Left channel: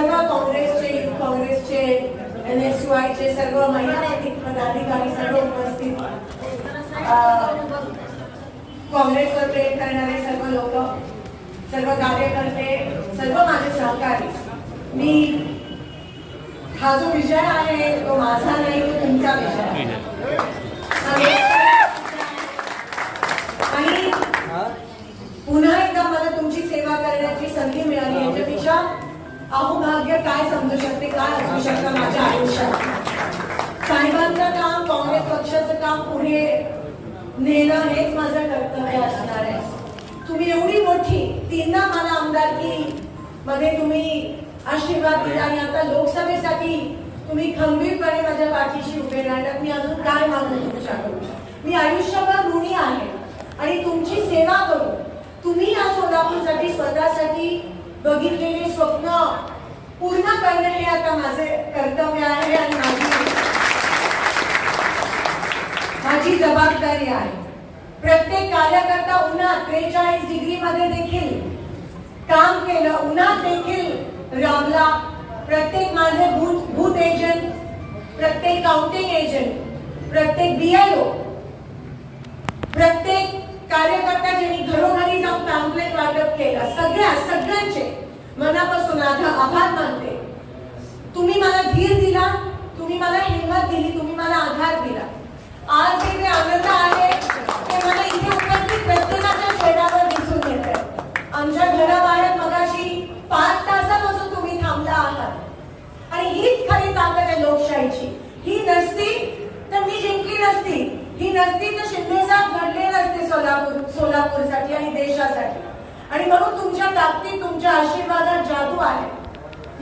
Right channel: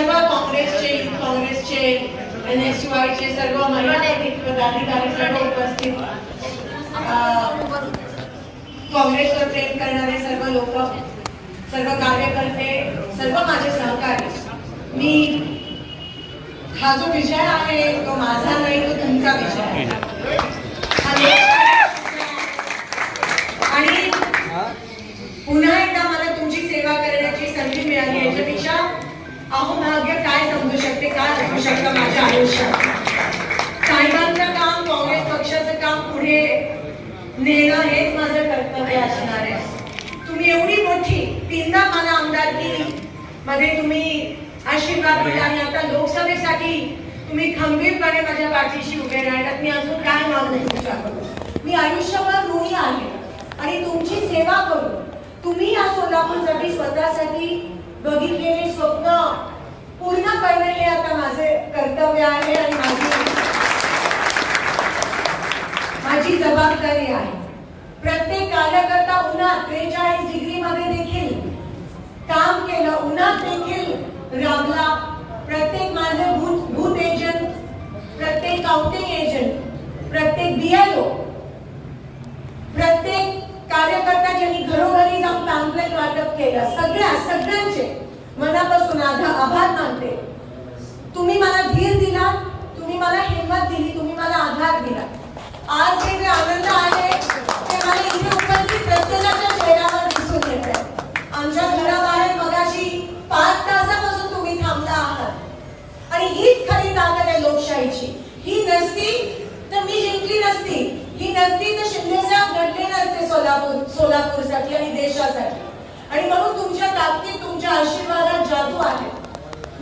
सर्व काँग्रेसचे NSUI सर्व महिला पदाधिकारी, सर्व उपस्थित, काँग्रेसवर प्रेम करणारे सर्व लोक, सर्व कार्यकर्ते, सर्व माझे सहकारी, मी हा जो विजय आहे तो माझा नाही, तो तुमचा विजय आहे. आणि पुन्हा एकदा मला तुमची सेवा करण्याची संधी मिळाली, याच्यापेक्षा अहोभाग्य काय समजू शकते, काय असू शकतं माझ्या आयुष्यात. साहेबांचं काम, काँग्रेस पक्षाचं काम पुढे नेणं हेच माझं कर्तव्य असणार आहे. तुम्ही एवढी मोठी 3दा मला आमदारकी मध्ये तुम्ही आशीर्वाद दिला आणि आता लोकसभेसाठी तुम्ही खंबीरपणे माझ्या पाठीशी उभे राहिलात. मी अजून काय मागू तुमच्याकडून. मी आयुष्यभर ऋणी आहे आणि तुमची सेवा करू. तुम्ही या सोलापूरसाठी स्वतःसाठी बघितलेले स्वप्न पूर्ण करणं हे आता माझे कर्तव्य आहे आणि माझी जबाबदारी आहे. प्रत्येक कार्यकर्ता उन्हात 43 डिग्री मध्ये देखील काम केलं, उन्हात देखील राबला. प्रत्येक माझे बूथ एजंट, प्रत्येक काउंटिंग एजंट, प्रत्येक BLO, प्रत्येक कार्यकर्ता ज्यांनी घरोघरी जाऊन पॅम्पलेट वाटप केलं, सगळ्यांचे मनापासून आभार मानते. तुम्ही मला धीर दिला, तुम्ही मला हिंमत दिली, तुम्ही मला आधार दिला. आज जे आनंद आहे ते मला इथे उपस्थित प्रत्येकाच्या चेहऱ्यावर दिसून येते. आमच्या घराबाहेर मगाशी 5 तासापासून तुम्ही थांबला आहात आणि हीच खरी ताकद आहे लोकशाहीची. ही नसती तर मी जिंकली नसती, ही नसती तर शिंदे साहेब घडले नसते सोलापूरसाठी आणि देशासाठी. आणि म्हणून तुमच्या ताकदीत, तुमच्या आशीर्वादात जादू आहे.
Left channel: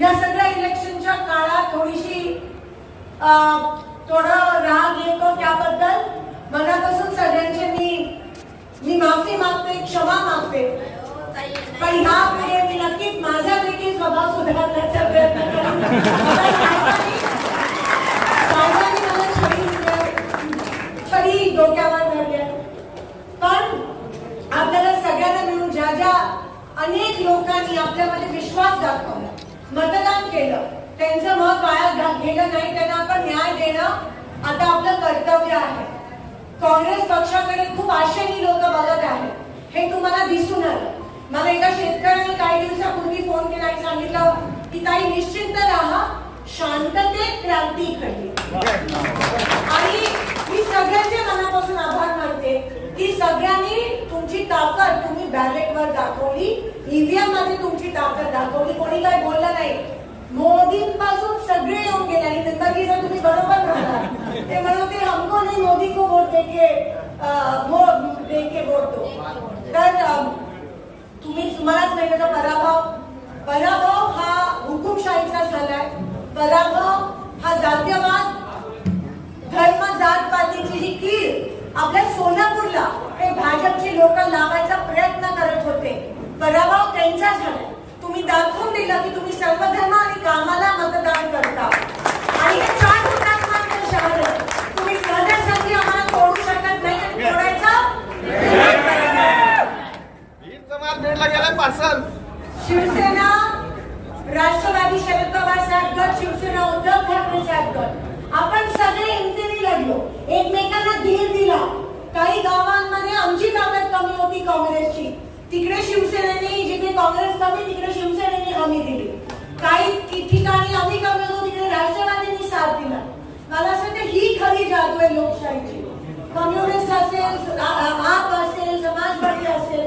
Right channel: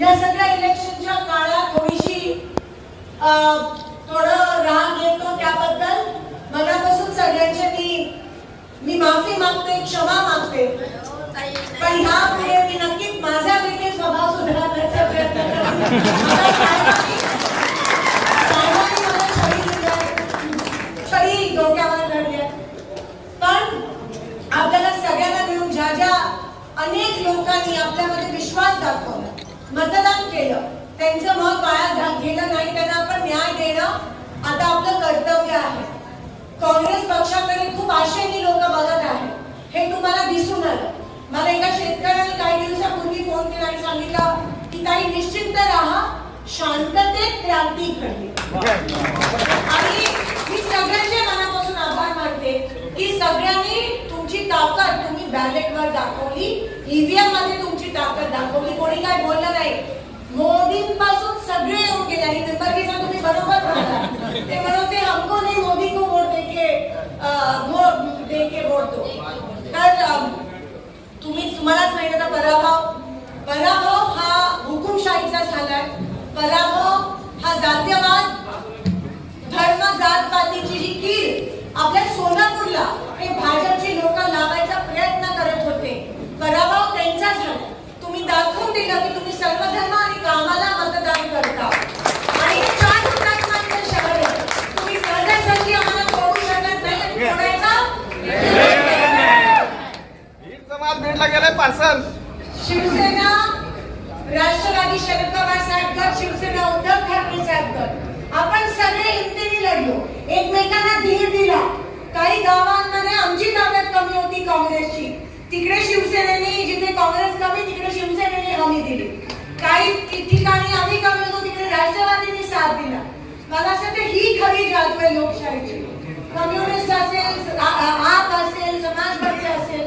या सगळ्या इलेक्शनच्या काळात थोडं राग येतो, त्याबद्दल मनापासून सगळ्यांचे मी माफी मागते, क्षमा मागते. पण ह्यापुढे मी नक्कीच माझा देखील स्वभाव सुधारण्याचा प्रयत्न करेन. साहेबांनी मला छडी डोक्यावर धरली, पण आपल्याला सगळ्यांना मिळून ज्या अनेक लोकांनी आपल्यामध्ये विश्वास दाखवला, मतदान केलं, त्यांचं मत वाया गेलं नाही, त्यांना आपण न्याय देणं आता आपलं कर्तव्य आहे. काँग्रेस पक्षाकडे खूप आशेने लोक बघत आहेत, हे तुम्हाला दिसून आलं. मला एका शेतकऱ्याने काही दिवसापूर्वी फोन केला आणि सांगितलं की ताई निश्चिंत राहा, शांततेत क्रांती घडली. आणि मी सगळ्यांच्या मनापासून आभार मानते की सगळ्यांनी तुमची ताकद तुम्ही बॅलेटवर दाखवली, EVM मध्ये तुमची ताकद दाखवली. कोणी काय बोललं नाही. मोदींपासून सगळे येऊन गेले आणि नंतर तुम्ही बरोबर बोलला. ते म्हणते हमको नाही, मोदी को वोट देके वोट दो. तर तुम्हालाच माहिती होता पराभव हा हुकुमशाहीचा झालाय. पराभव हा जातीयवाद, धर्म, जात पातीची जी कीड आपल्या सोलापूरला हे भाजपचे लोक लावायचा प्रयत्न करत होते, पराभव त्यांचा झाला. तुम्ही दाखवून दिलं की तुम्ही सर्व धर्म आणि कामाला मतदान करता. आणि 4 हुतात्म्यांचं शहर आहे. तुम्ही सहजासहजी आम्हाला तोडू शकत नाही आणि तोडायचा शिवसेना, राष्ट्रवादी शरद पवार साहेब गट, शिवसेना उद्धव ठाकरे साहेब गट, आपण सगळे हिमतीने लढलो, एकमेकांना धीर दिला. काही गावांमध्ये आमची ताकद कमी होती काँग्रेसची, तिकडे शिवसेनेने, जिथे काँग्रेस कमी तिकडे शिवसेनेने हमी दिली. काही ठिकाणी आम्ही कमी होतो, तिकडे राष्ट्रवादीने साथ दिला. मला असं वाटतं ही खरी जादू आहे लोकशाहीची. कम्युनिस्ट असेल, आप असेल, समाजवादी असेल,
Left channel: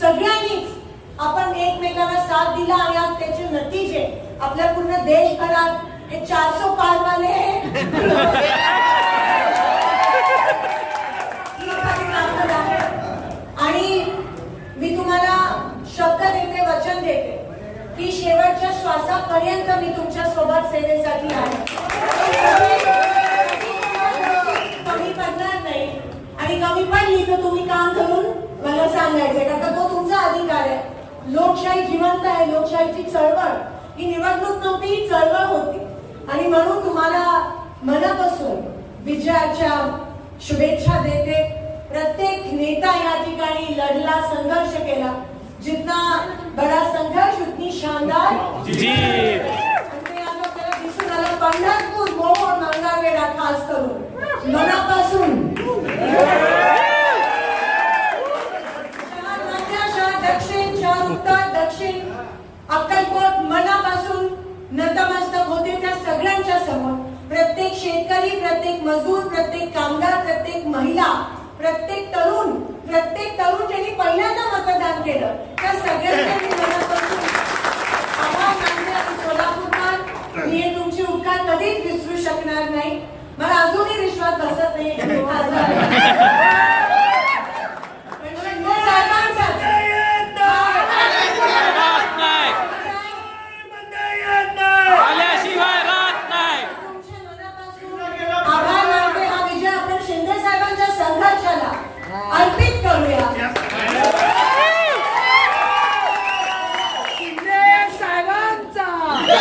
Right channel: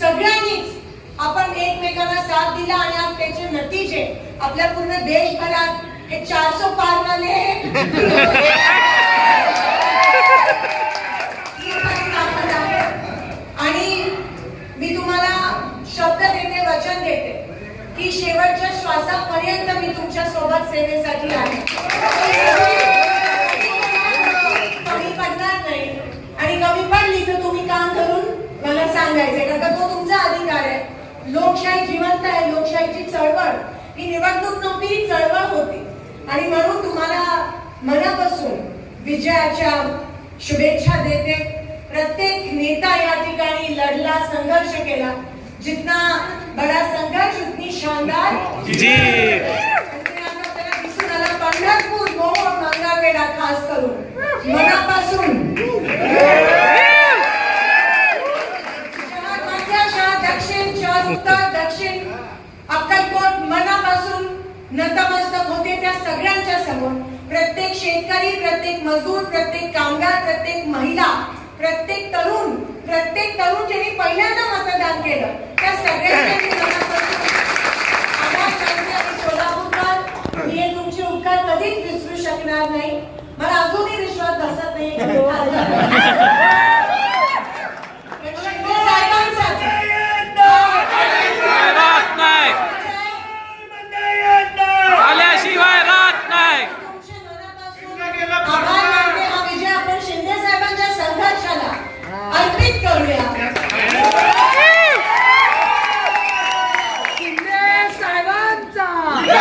सगळ्यांनीच आपण एकमेकांना साथ दिला आणि आज त्याचे नतीजे आपल्या पूर्ण देशभरात हे 400 पार वाले आणि मी तुम्हाला शब्द देते, वचन देते की शेवटच्या श्वासापर्यंत मी तुमच्या सोबत सेवेसाठी आहे. कमी पडणार नाही आणि कमी पडली तर तुम्ही काम करून मला सांगायचंय, कारण तो तुमचा अधिकार आहे. लोकशाही जिवंत आहे. लोकशाहीची चळवळ ही निवडणूक नव्हती, ही चळवळ होती. आणि म्हणून तुम्हाला मनापासून विजयाच्या शुभेच्छा देते. प्रत्येक नेता या ठिकाणी लढला, संघर्ष केला. जितना बड़ा संघर्ष उतनी शान आमदार जी. आणि ते आज आपल्याला दिसून आलं पंढरपूर मोहोळ मंगळवेढा खास करून मनापासून शहर मध्य, शहर दक्षिण, शहर उत्तर, दक्षिण, अक्कलकोट मनापासून नतमस्तक होते त्या सगळ्यांच्या समोर. प्रत्येक शेतकरी, प्रत्येक मजूर, प्रत्येक कामगार, प्रत्येक महिला, प्रत्येक तरुण ज्यांनी पहिल्यांदा मतदान केलं त्या सगळ्यांच्या मी मनापासून आभार मानते. आणि सोलापूरकर, मी हे तुमचे उपकार कधीच विसरू शकणार नाही. मला अजूनही विश्वास बसत नाहीये की तो खासदार पण शिंदे साहेबांचाच राहत नाही, आल्याशिवाय राहत नाही. तुमच्या मनापासून आभार मानते. हा विजय आपण शिंदे साहेबांच्या संघर्षाला अर्पित करूया. शिंदे साहेबांचा जय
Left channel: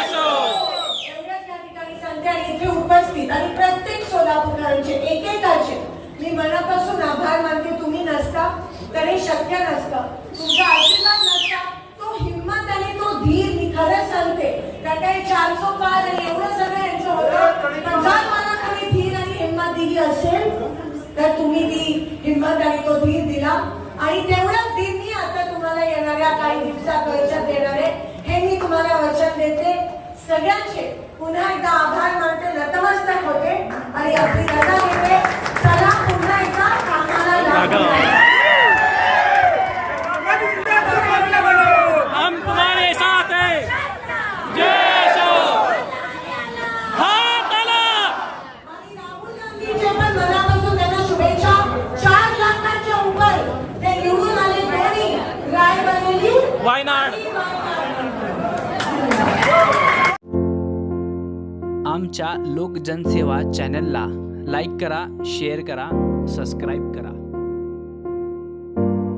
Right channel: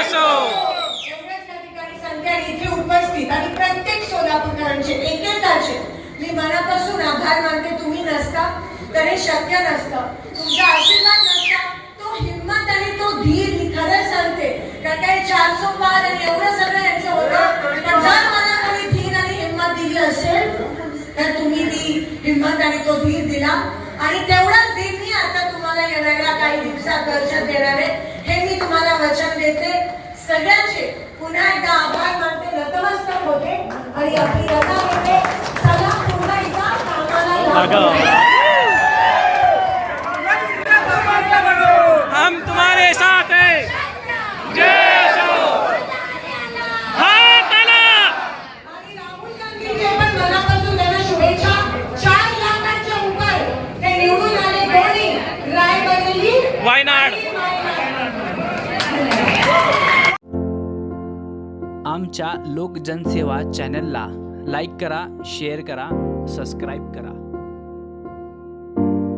असो. एवढ्याच या ठिकाणी संधी आणि इथे उपस्थित आणि प्रत्येक सोलापूरकरांचे एकेकाचे मी मनापासून आभार मानते. तुम्ही नसता तर हे शक्य नसतं. तुमचा आशीर्वाद नसता, तो हिंमत आणि तो धीर, मी खरंच सांगते कारण काही 400 पार आणि एवढं सगळं यांचं होतं. पण जर मला कोणी धीर आणि हिंमत दिली असेल तर तुम्ही ती हिंमत आणि तो धीर दिला. आणि तेवढाच धीर मी आता तुम्हाला येणाऱ्या काही दिवसात वर्षात देणार आहे, हे मी तुम्हाला वचन देते. सगळ्यांचे पुन्हा एकदा आभार मानते, नतमस्तक होते आणि आपली रजा घेते. चला पुन्हा एकदा कामाला लागू. हम तुम्हारे साथ हैं. जय असो. हात आला. आणि राहुल गांधींचे पण मनापासून त्यांना शुभेच्छा. 4 लाखांच्या उपर ते निवडून आले. दोन्ही रायबरेली वायनाड. आणि वायनाड. आमच्या लोक जनसेवा चॅनलला लाईक करा, शेअर करा, सबस्क्राईब करा.